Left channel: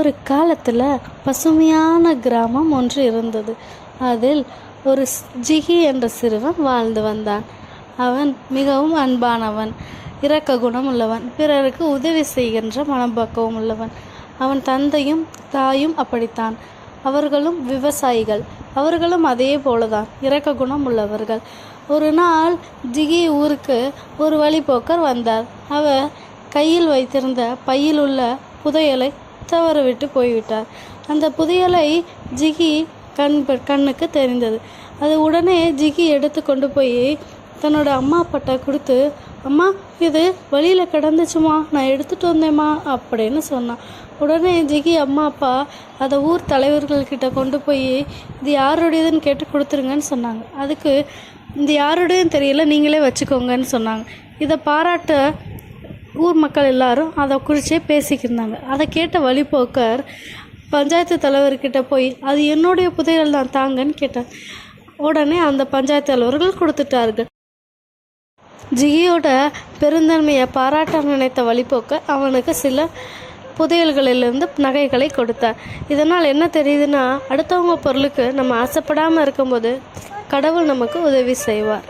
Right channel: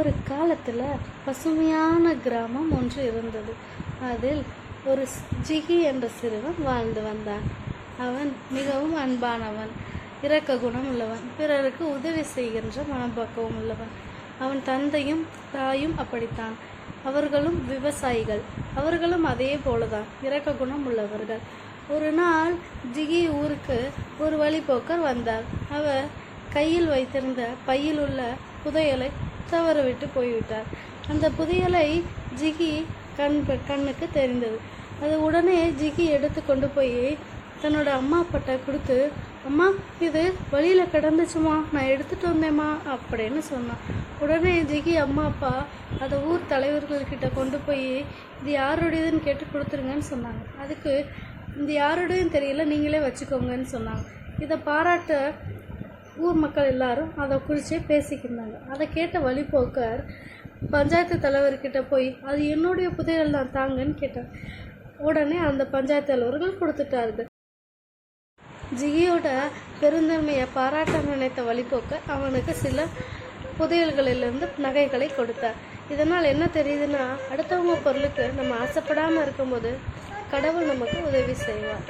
ஒரு காலத்தில் பசுமையான கிராமம் ஒன்று இருந்தது. அதில் ஒரு ஜிகி என்ற சிறுவன் வாழ்ந்து வந்தான். அவன் மிகவும் அன்பானவன், இரக்க குணம் உள்ளவன், பிறருக்கு உதவி செய்கின்ற மனப்பக்குவம் உள்ளவன். அவன் தந்தையும் தாயும் அப்படித்தான். அவர்களும் விவசாயிகள். அவர்களும் அதே போலதான் இரக்க குணம் உள்ளவர்கள். ஒரு நாள் ஜிகி ஊருக்கு ஒரு வழிப்போக்கர் வந்தார். அவர் கையில் வைத்திருந்த பையில் உள்ள புதையலை தவறவிட்டு போய்விட்டார். அந்த புதையலை ஜிகி கண்ணுக்கு தெரிந்தது. அது உடனே ஜிகி எடுத்து கொண்டு போய் தன்னோட அம்மா அப்பாட்ட கொடுத்து, அம்மா இது வழியில் கிடந்துச்சுமா, நான் எடுத்துகிட்டு வந்தேம்மா அப்படின்னு சொன்னான். உடனே ஜிகி அம்மா அப்பா அதை ஊர் தலைவர்கள்கிட்ட கொண்டு போய் இது யாருடையதுன்னு கேட்டு கொடுத்துருங்கன்னு சொன்னாங்க. அதுக்கு இது யாருடையதுன்னு தெரியல, நீங்களே வச்சுக்கோங்கன்னு சொன்னாங்க. இதை பாராட்ட ஊர் மக்கள் எல்லாரும் அதை குறிச்சே பேசிக்கிருந்தாங்க. அதை கேட்ட வழிப்போக்கர் பஞ்சாயத்து தலைவர்கிட்ட போய் அது என்னுடைய புதையல் தான் தாங்கன்னு கேட்டாங்க. உடனே அந்த பஞ்சாயத்து தலைவர்கள் கொடுத்துட்டார்கள். ஜிகியோட பெருந்தன்மையை பாராட்ட நினைத்த வழிப்போக்கர் அவனுக்கு சில புதையல்களிலிருந்து நகைகளை கொடுத்தார். இதனால் என்ன தெரியுதுன்னா, அடுத்தவங்க பொருளுக்கு நம்ம ஆசைப்படாமல் இருக்கும்போது கடவுள் நமக்கு உதவி செய்வார்.